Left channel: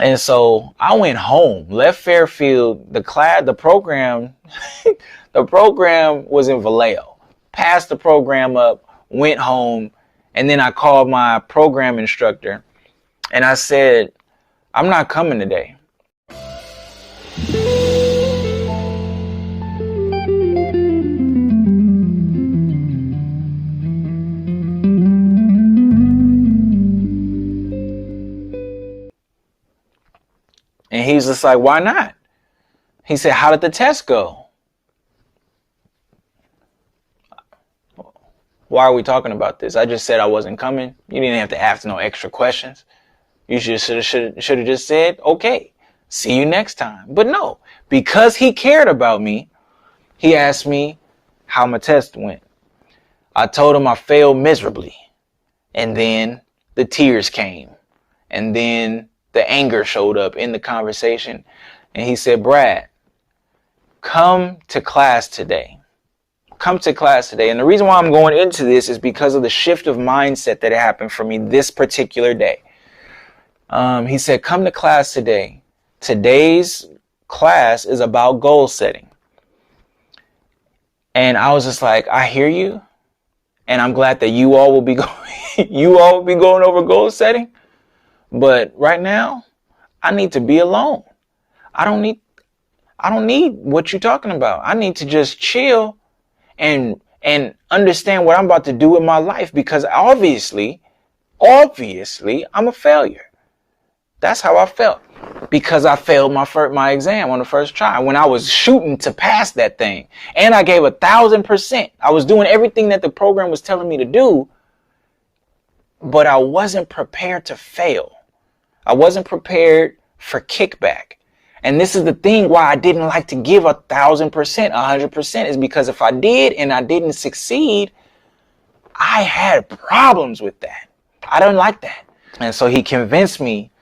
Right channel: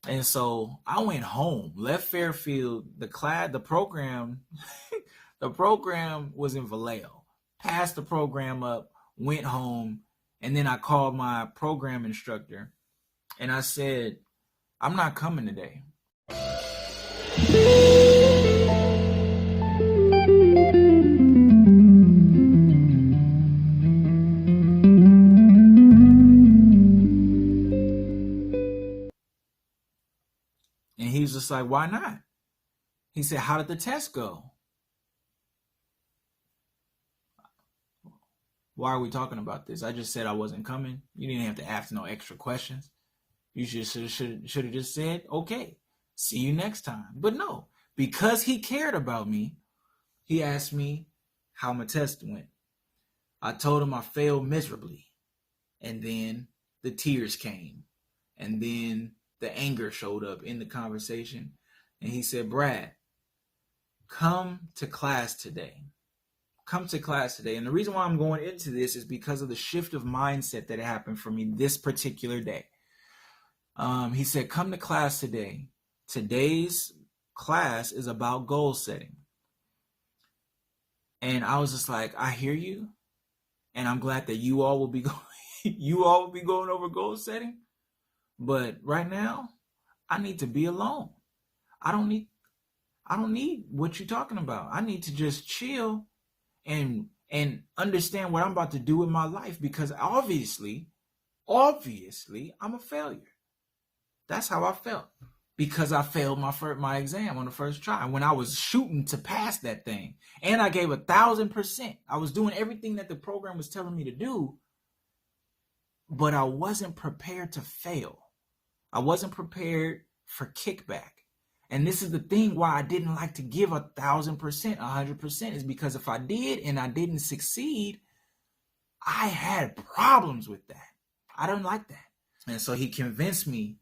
And so I went home, left Fairfield, the program, the program was in Vallejo. Passed the program up, went home, and then I called my program instructor and I said, I'm not coming today. And he's just like, why not? He said, how did the test go? Why are we talking about this? I just said I wasn't coming. You didn't have to ask no extra questions. You should have just said, okay, see you next time. But no, because he cared about me, he asked me how my test went. I told him I failed miserably. And then the tears came. And then the anger showed up in the conversation. And he said, Brad, come to class today. Come to class today. And the reason why I'm going into this is because of the shift of mindset that happened for me this particular day. He said, come to class today. Today's class is about goal setting. And I was just like, I hear you. And I'm glad that you all will be going over goal setting. But right now, I need to be alone. I don't need what you're talking about. I need to just chill and understand what I'm about to do with my life, because obviously, I'm a failure. That's how I felt, because I failed my exam on the first try when I was shooting to pass that thing. And I gave 1,000%. I was doing everything that the program was telling me to do, but I wasn't prepared to fail. I wasn't prepared for kickback. And this is the thing why I didn't like to give 1,000%, 100%, is because if I did and I didn't succeed, I had problems with that. I don't like that. And so he convinced me.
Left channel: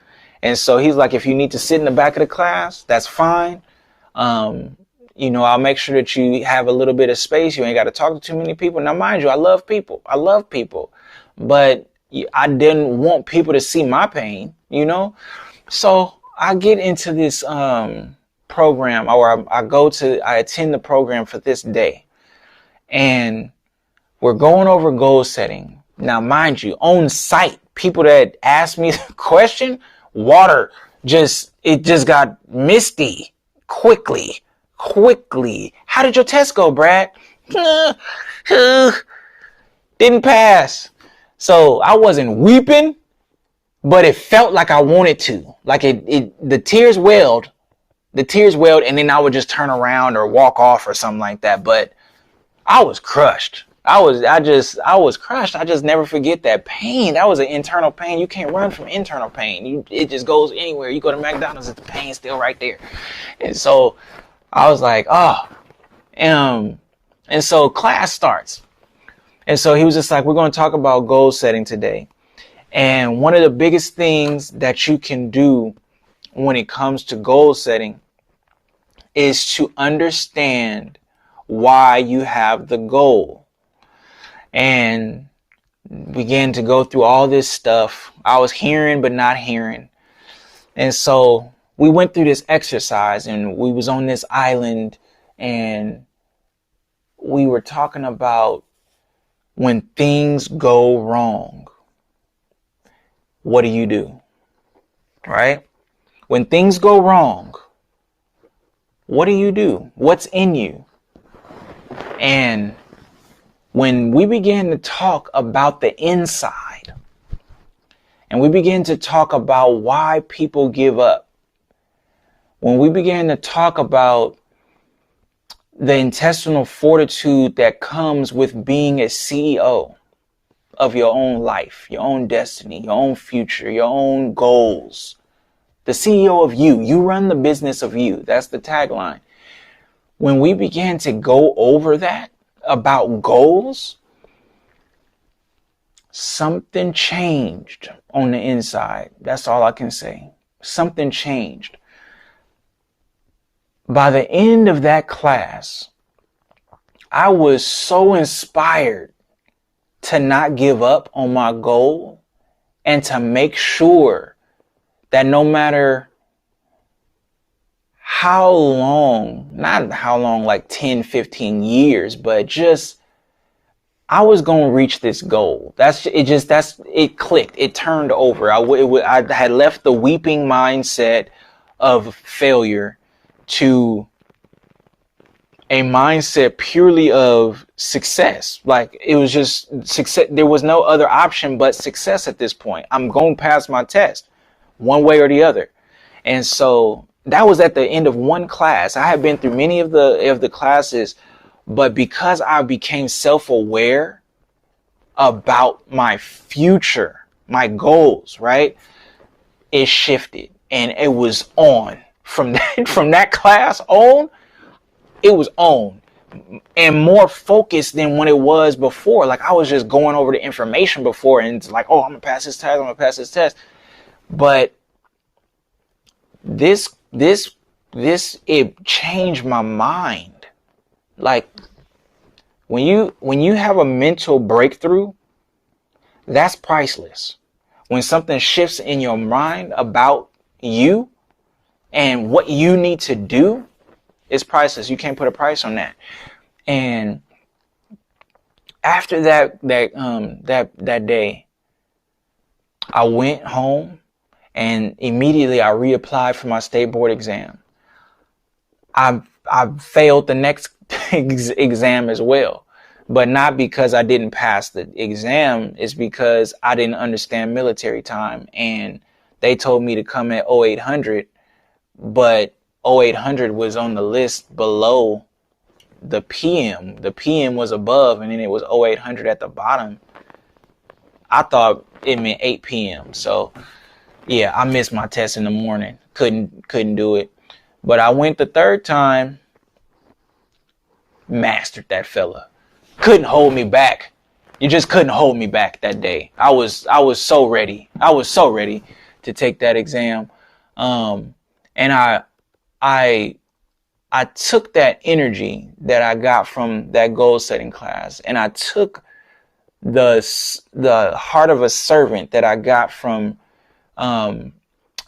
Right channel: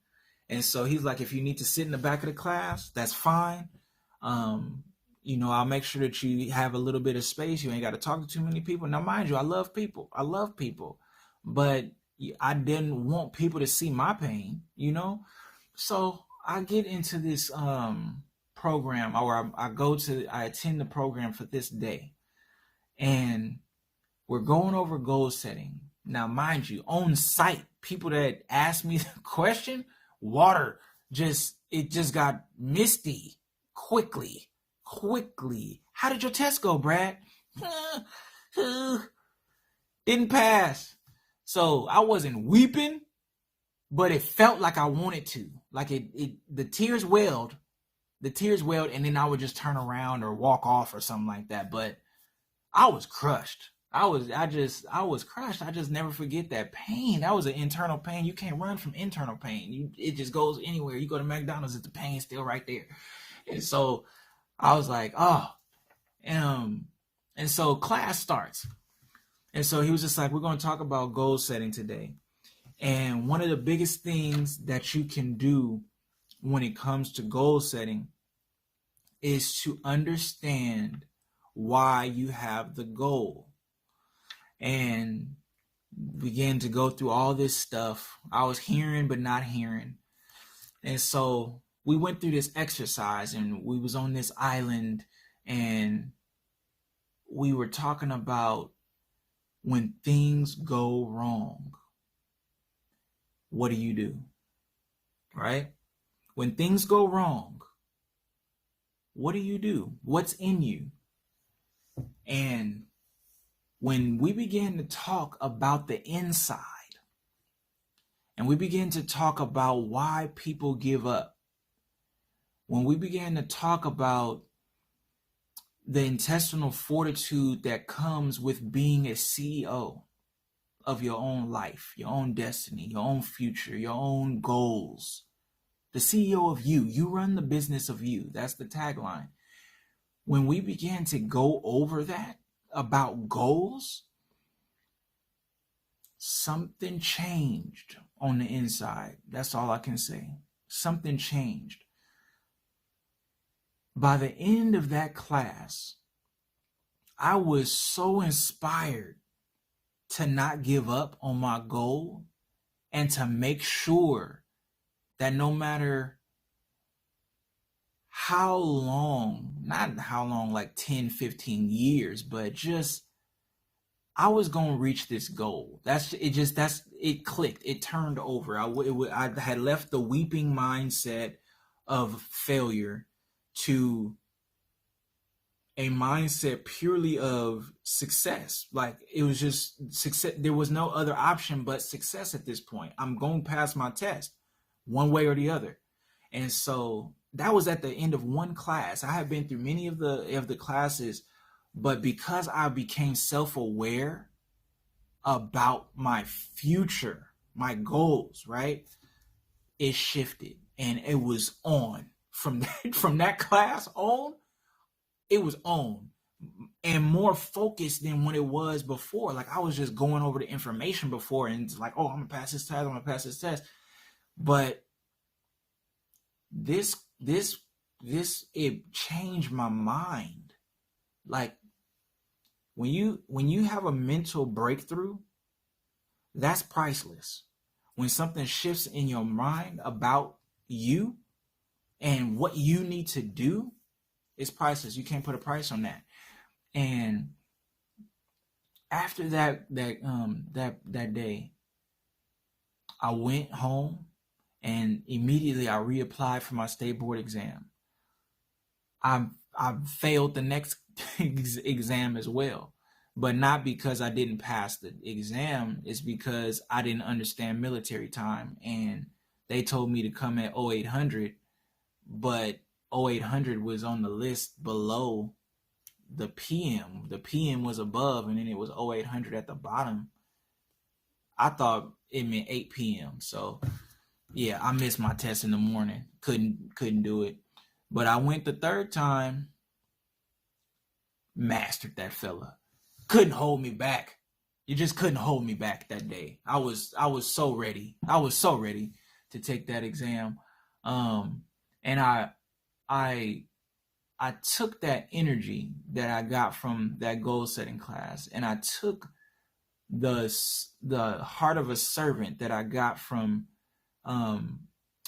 And so he's like, if you need to sit in the back of the class, that's fine. I'll make sure that you have a little bit of space. You ain't got to talk to too many people. Now, mind you, I love people. But I didn't want people to see my pain, So I get into this program, or I attend the program for this day. And we're going over goal setting. Now, mind you, on site, people that asked me the question, it just got misty quickly. How did your test go, Brad? Didn't pass. So I wasn't weeping, but it felt like I wanted to. Like the tears welled, and then I would just turn around or walk off or something like that. But I was crushed. I was crushed. I just never forget that pain. That was an internal pain. You can't run from internal pain. It just goes anywhere. You go to McDonald's, the pain's still right there. And so I was like, and so class starts. And so he was just like, we're going to talk about goal setting today. And one of the biggest things that you can do when it comes to goal setting is to understand why you have the goal. And began to go through all this stuff. I was hearing but not hearing. And so we went through this exercise, and we was on this island, and we were talking about when things go wrong, what do you do? Right? When things go wrong, what do you do? What's in you? And when we began to talk about the inside, and we began to talk about why people give up, when we began to talk about the intestinal fortitude that comes with being a CEO of your own life, your own destiny, your own future, your own goals, the CEO of you, you run the business of you. That's the tagline. When we began to go over that, about goals, something changed on the inside. That's all I can say. Something changed. By the end of that class, I was so inspired to not give up on my goal and to make sure that no matter how long, not how long, like 10, 15 years, but just I was going to reach this goal. It clicked. It turned over. I had left the weeping mindset of failure to a mindset purely of success. Like, it was just success. There was no other option but success at this point. I'm going past my test one way or the other. And so that was at the end of one class. I had been through many of the classes, but because I became self-aware about my future, my goals, right? It shifted, and it was on from that class on. It was on and more focused than when it was before. Like, I was just going over the information before, and it's like, oh, I'm gonna pass this test. I'm gonna pass this test. But this it changed my mind. Like, when you have a mental breakthrough, that's priceless. When something shifts in your mind about you and what you need to do, it's priceless. You can't put a price on that. And after that day, I went home and immediately I reapplied for my state board exam. I failed the next exam as well, but not because I didn't pass the exam. It's because I didn't understand military time, and they told me to come at 0800, but 0800 was on the list below the PM. The PM was above, and then it was 0800 at the bottom. I thought it meant 8 p.m. So yeah, I missed my test in the morning. Couldn't do it. But I went the third time, mastered that fella. Couldn't hold me back. You just couldn't hold me back that day. I was so ready. I was so ready to take that exam. And I took that energy that I got from that goal setting class, and I took the heart of a servant that I got from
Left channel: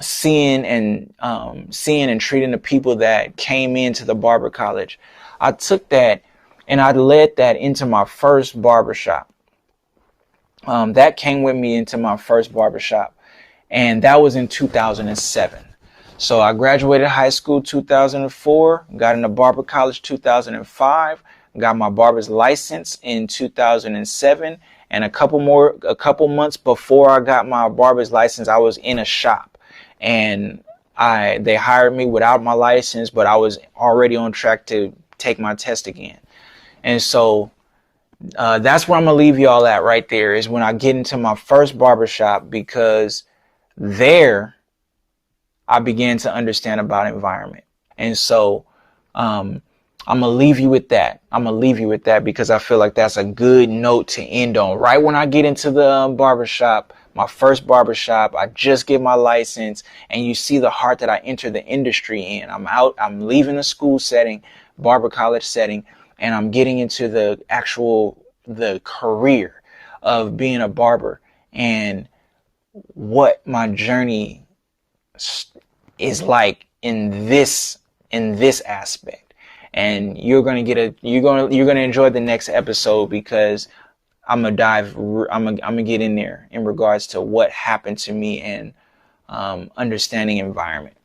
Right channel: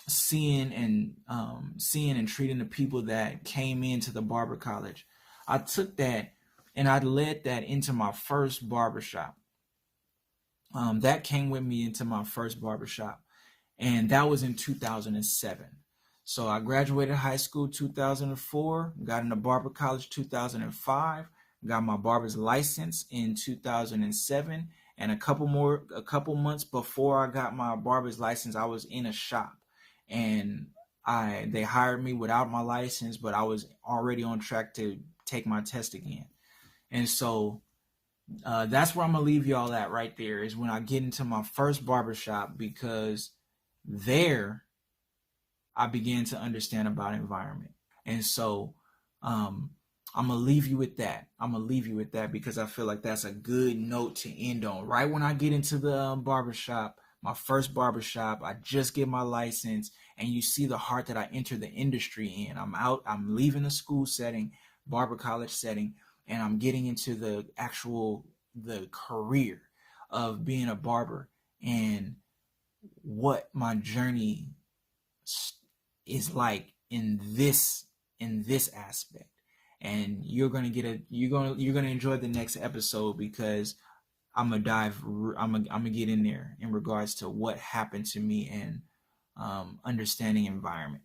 seeing and treating the people that came into the barber college. I took that and I led that into my first barbershop. That came with me into my first barbershop, and that was in 2007. So I graduated high school 2004, got into barber college 2005, got my barber's license in 2007, and a couple months before I got my barber's license, I was in a shop, and they hired me without my license, but I was already on track to take my test again. And so that's where I'm gonna leave y'all at right there, is when I get into my first barbershop, because there I began to understand about environment. And so I'm gonna leave you with that. I'm gonna leave you with that because I feel like that's a good note to end on. Right when I get into the barbershop, my first barbershop, I just get my license, and you see the heart that I entered the industry in. I'm leaving the school setting, barber college setting, and I'm getting into the career of being a barber, and what my journey is like in this aspect. And you're gonna enjoy the next episode, because I'm gonna get in there in regards to what happened to me and understanding environment.